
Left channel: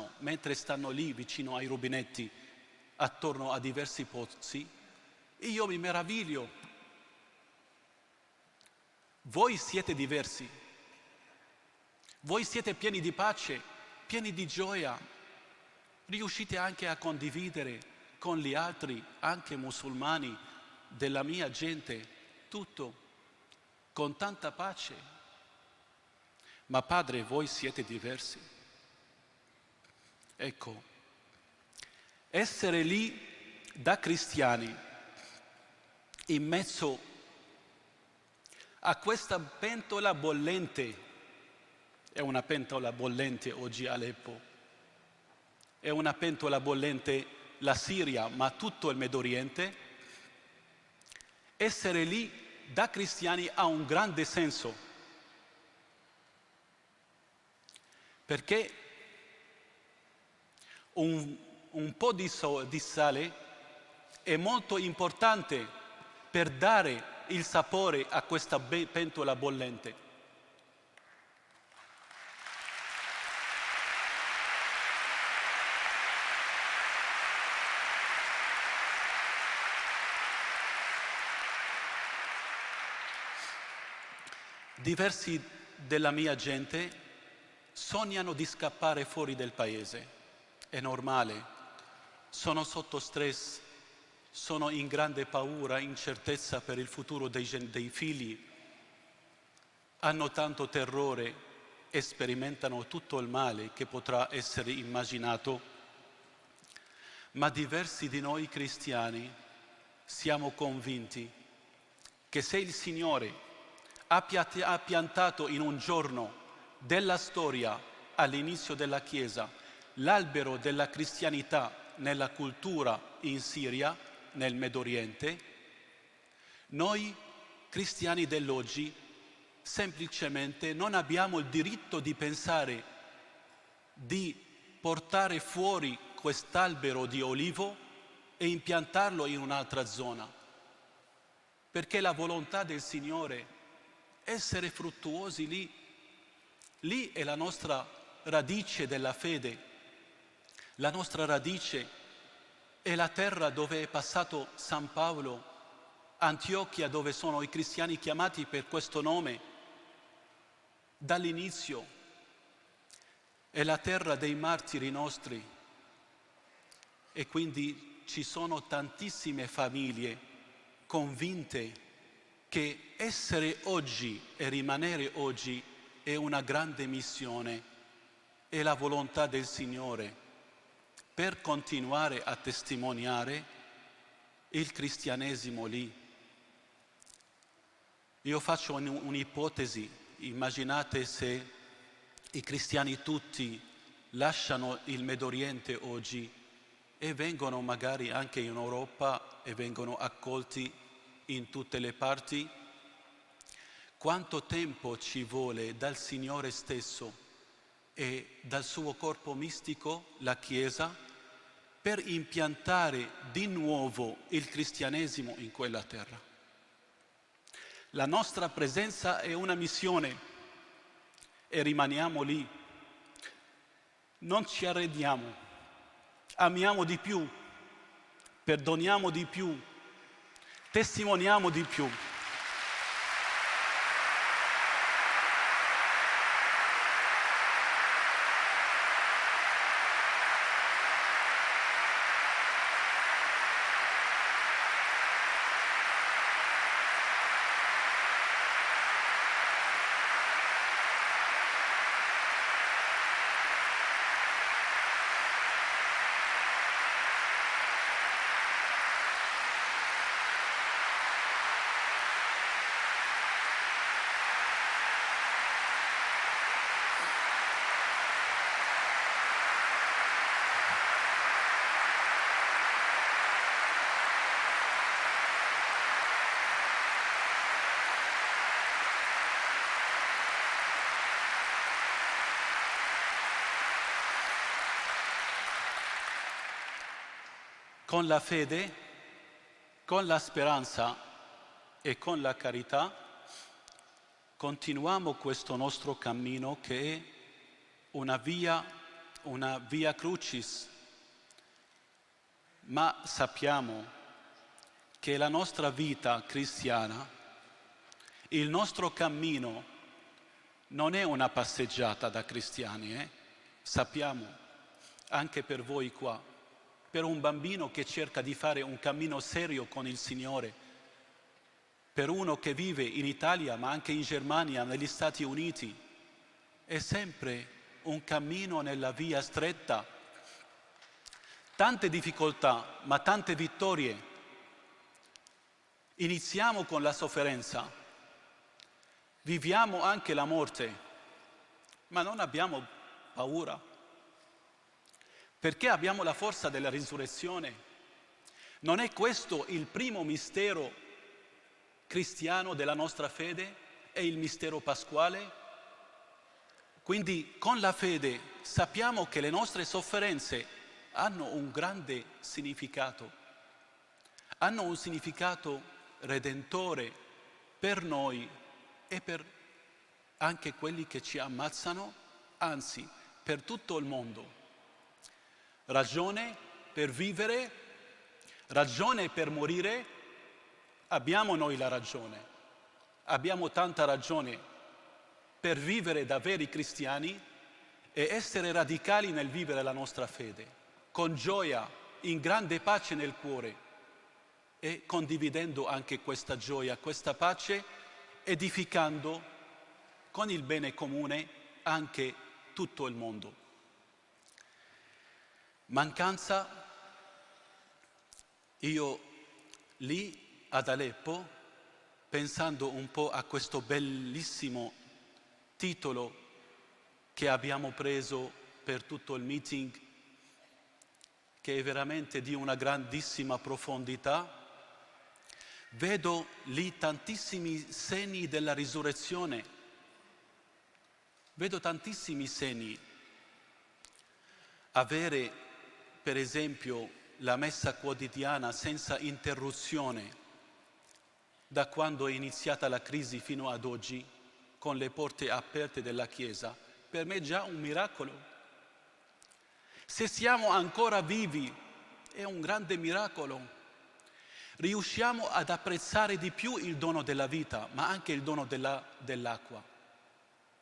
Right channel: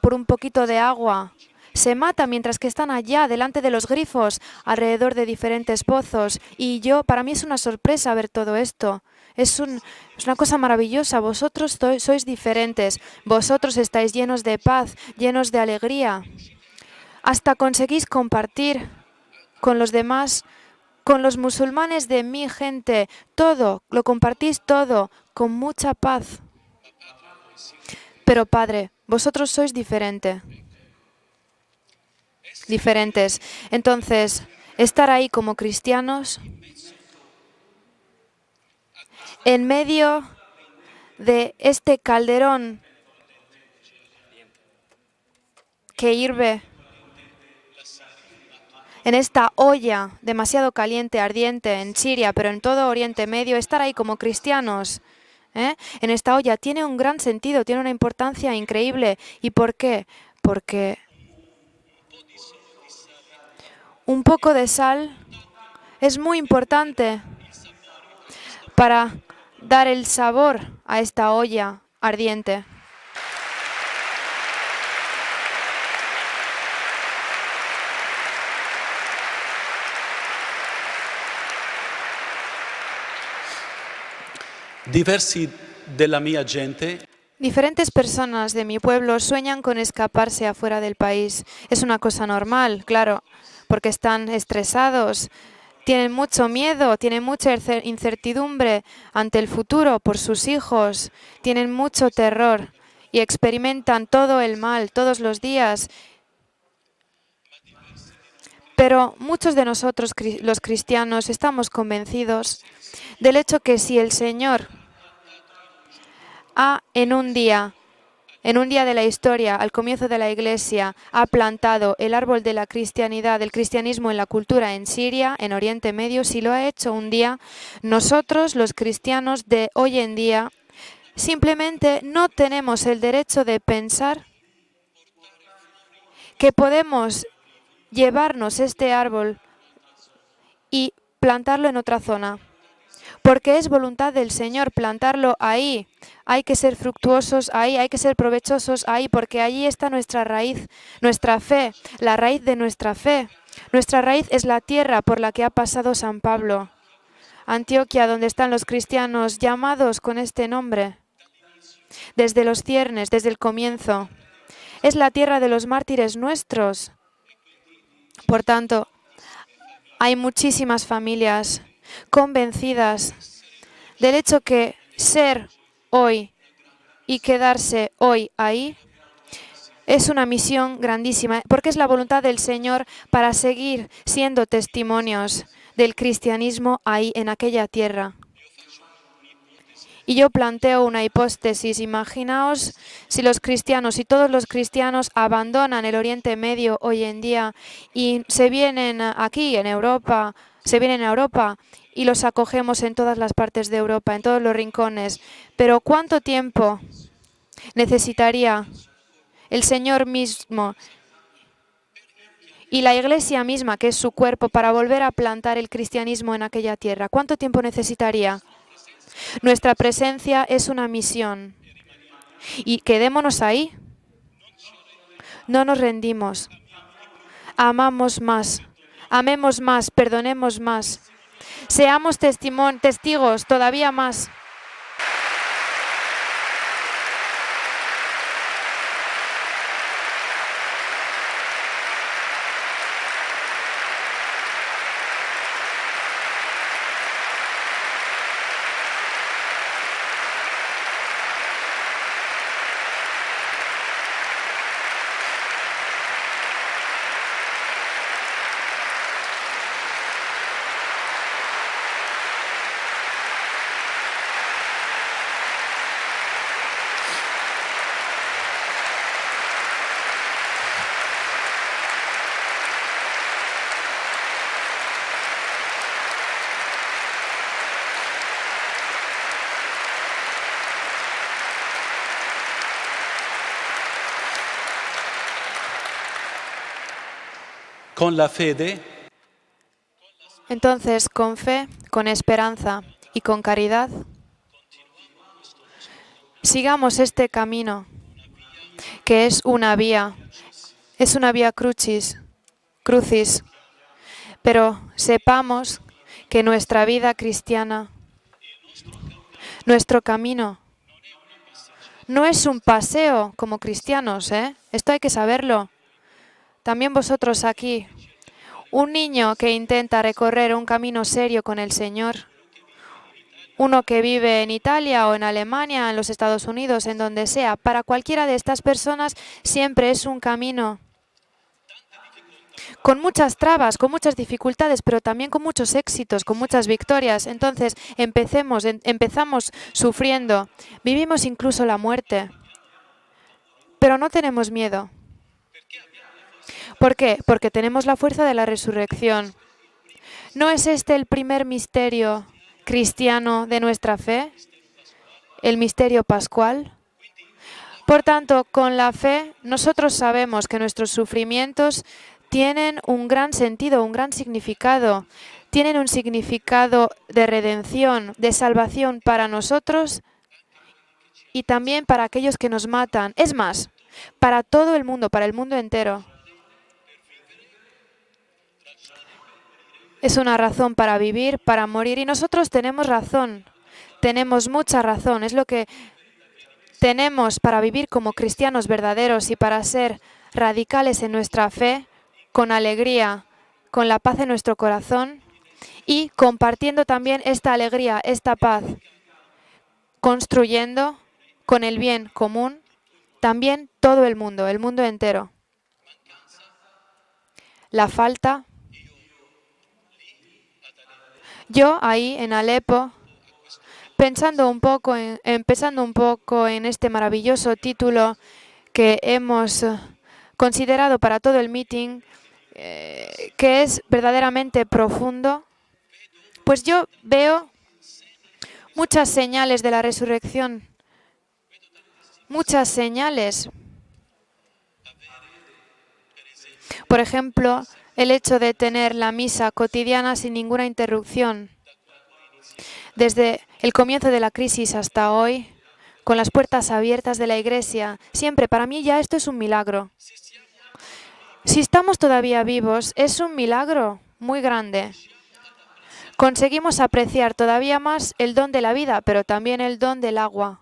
por un poquito de agua. Se mata mientras que están allá, delante de los grifos, alrededor de diferentes pozos. Y para mí es una sorpresa ver todo esto. Es una cosa maravillosa. Vosotros sois diferentes. Vosotros estáis llenos de paz, llenos de alegría. Hasta conseguís compartir con los demás, con los musulmanes de mi gente. Todo, lo compartís todo, con mucha paz. Pero Padre, vosotros sois diferentes. Entonces, estar ahí como cristianos en medio de este calderón que hirve, en esta olla demasiado caliente, ardiente en Siria, pero en todo Oriente Medio, estar ahí como cristianos, en esta olla, tiene un gran sentido, tiene una importancia increíble. ¿Y por qué? Porque un poco de sal es muy importante para dar el sabor a esta olla ardiente. Diferentes personas de mi pueblo sueñan con escaparse afuera del país. Es una cosa normal, claro, porque están estresados, tienen mucho miedo, tienen mucha incertidumbre ante el futuro por sus hijos, tienen mucho terror y experimentan todo el mal todos los días. Pero muchos de nosotros, los cristianos, estamos convencidos del hecho que si el Señor en un día de la historia, al comienzo de la Iglesia, ha plantado el árbol de la cristianidad, del cristianismo en la cultura en Siria, en Oriente Medio, si lo ha hecho un día, nosotros, los cristianos de hoy en día, simplemente no tenemos el derecho de pensar que podemos llevarnos este árbol y plantarlo en otra zona, porque es voluntad del Señor plantarlo ahí. Hay que ser fructuosos ahí, hay que ser provechosos ahí, porque allí está nuestra raíz, nuestra fe, la raíz de nuestra fe. Nuestra raíz es la tierra por la que ha pasado San Pablo. Antioquia, donde están los cristianos llamados con este nombre, desde los ciernes, desde el comienzo. Es la tierra de los mártires nuestros. Por tanto, hay muchísimas familias convencidas del hecho que ser hoy y quedarse hoy ahí es una misión grandísima, porque es la voluntad del Señor para seguir siendo testimonios del cristianismo ahí en aquella tierra. Y yo planteo una hipótesis. Imaginaos si los cristianos, si todos los cristianos abandonan el Oriente Medio hoy en día y se vienen aquí en Europa, y los acogemos en todas las partes de Europa, en todos los rincones. Pero ¿cuánto tiempo necesitaría el Señor mismo y la Iglesia misma, que es su cuerpo, para volver a plantar el cristianismo en aquella tierra? ¿Cuánto tiempo necesitaría? Nuestra presencia es una misión. Y quedémonos ahí. No nos rendimos. Amamos más. Amemos más. Perdonemos más. Seamos testigos todavía más. Entonces, con fe, con esperanza y con caridad, Sigamos este camino, que es una vía crucis, pero sepamos que nuestra vida cristiana, nuestro camino, no es un paseo como cristianos, ¿eh? Esto hay que saberlo. También vosotros aquí, un niño que intenta recorrer un camino serio con el Señor, uno que vive en Italia o en Alemania, en los Estados Unidos, en donde sea, para cualquiera de estas personas siempre es un camino con muchas trabas, con muchas dificultades, pero también con muchos éxitos, con muchas victorias. Entonces empezamos sufriendo, vivimos incluso la muerte, pero no tenemos miedo. ¿Por qué? Porque tenemos la fuerza de la resurrección. ¿No es este el primer misterio cristiano de nuestra fe? El misterio pascual. Por tanto, con la fe, nosotros sabemos que nuestros sufrimientos tienen un gran sentido, un gran significado. Tienen un significado de redención, de salvación para nosotros y también para aquellos que nos matan. Es más, para todo el mundo, para el mundo entero. Es una razón para vivir, para morir, y nosotros tenemos razón, tenemos mucha razón, es lo que tenemos para vivir como cristianos verdaderos y para ser radicales en nuestra fe, con alegría, con la paz en nuestro corazón y compartiendo también esta alegría, esta paz, construyendo con el bien común también todo el mundo entero. La falta, yo ahí en Alepo, empezando un poco en este maravilloso título que hemos considerado para todo el meeting, que es verdaderamente profundo, pues yo veo muchas señales de la resurrección, muchas señales. Por ejemplo, el hecho de tener la misa cotidiana sin ninguna interrupción, desde el comienzo de la crisis hasta hoy, con las puertas abiertas de la Iglesia, siempre, para mí ya esto es un milagro. Si estamos todavía vivos, es un milagro muy grande. Conseguimos apreciar todavía más el don de la vida, pero también el don del agua.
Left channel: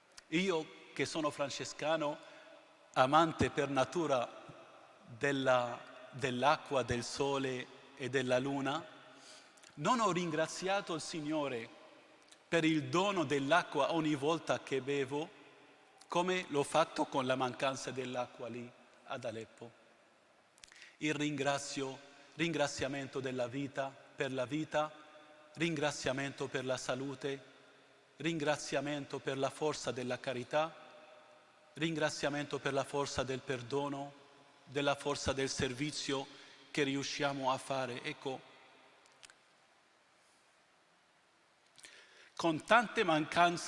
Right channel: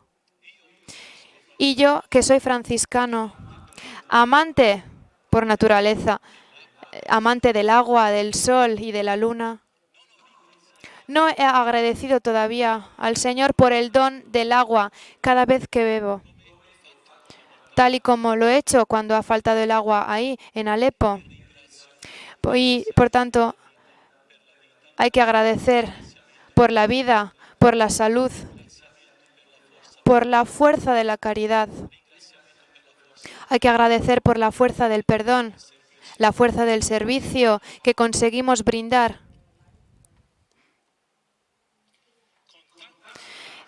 Y yo, que soy franciscano, amante por naturaleza, amante del agua, del sol y de la luna, no he agradecido todavía al Señor por el don del agua cada vez que bebo, tal y como lo he hecho cuando ha faltado el agua ahí, en Alepo. Y, por tanto, hay que agradecer por la vida, por la salud, por la fuerza de la caridad. Hay que agradecer por la fuerza del perdón, la fuerza del servicio que conseguimos brindar.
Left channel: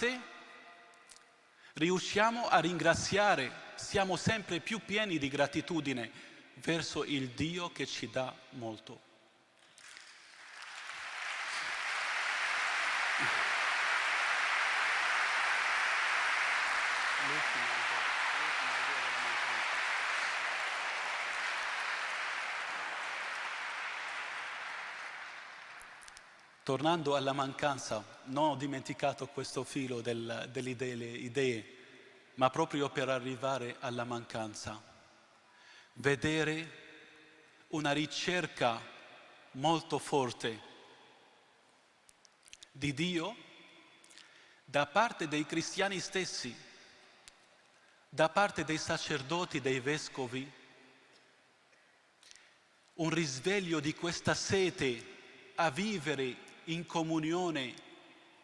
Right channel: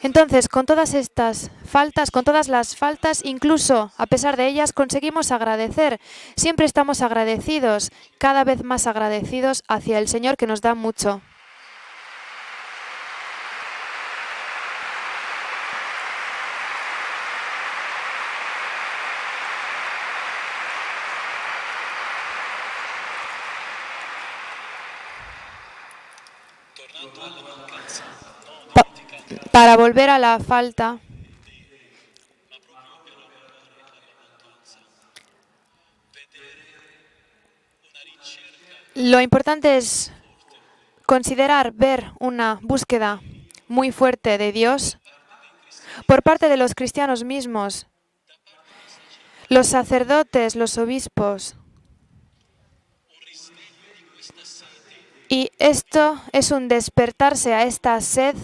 Entonces, con todas estas faltas, con todas las faltas, incluso a pesar de ellas, conseguimos agradecer. Siempre estamos agradecidos, cada vez más agradecidos hacia el Señor que nos da mucho. Para volver a la falta, lo importante es considerar, ver una búsqueda muy fuerte de Dios por parte de los cristianos mismos, los sacerdotes, los obispos. Y esto es un despertarse a esta sed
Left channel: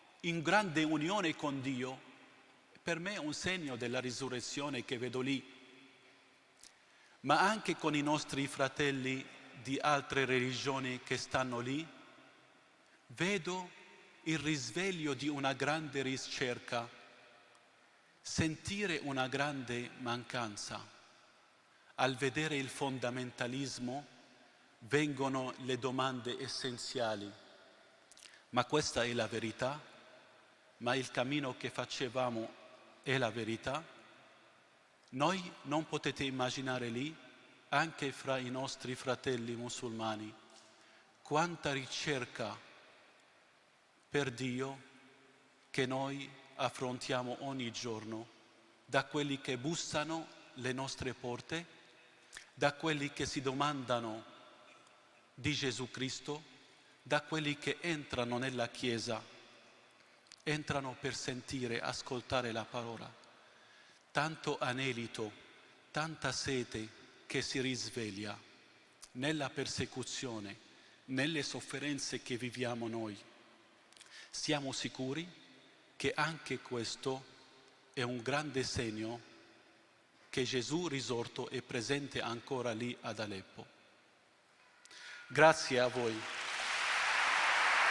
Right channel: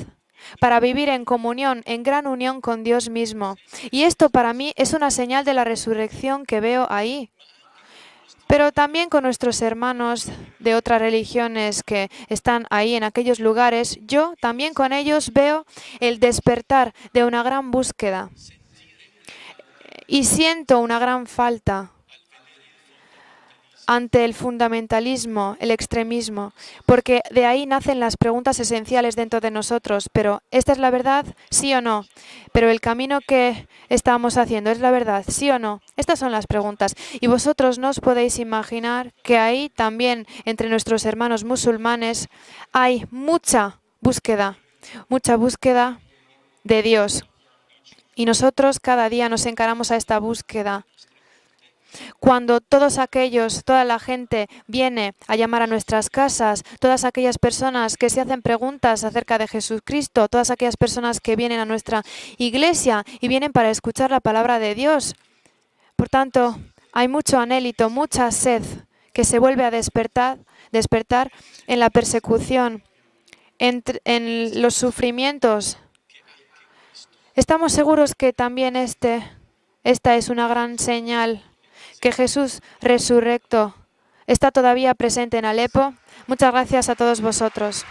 para vivir en comunión, en gran unión con Dios mismo. Y esto para mí es una señal de la resurrección que veo ahí. Pero también con nuestros hermanos de otras religiones que están ahí en aquellos lugares, yo también con ellos veo el despertar de una gran búsqueda. Y siento una gran falta ante el fundamentalismo, el extremismo. Porque de ahí nacen las preguntas esenciales dentro de nosotros. pero ¿esta es la verdad? ¿Sí o no? Pero el camino que estamos haciendo, ¿es la verdad? ¿Sí o no? Estas son las preguntas. Y vosotros no os podéis imaginar que ahí también, entre nuestros hermanos musulmanes, hay mucha búsqueda de Dios. Y nosotros cada día nos encaramos a esta búsqueda. Cuando toda la gente viene a llamar a nuestras casas, todas aquellas personas que se hacen preguntas acerca de Jesucristo, todas aquellas personas que vienen a nuestra iglesia y vienen para escuchar la palabra de Dios. Por tanto, hay mucho anhélito, mucha sed que se vuelve a despertar en la persecución, en los sufrimientos. Estamos seguros que también esta es una gran señal que Jesús resurrecto está todavía presente en Alepo. Muchas gracias a todos vosotros.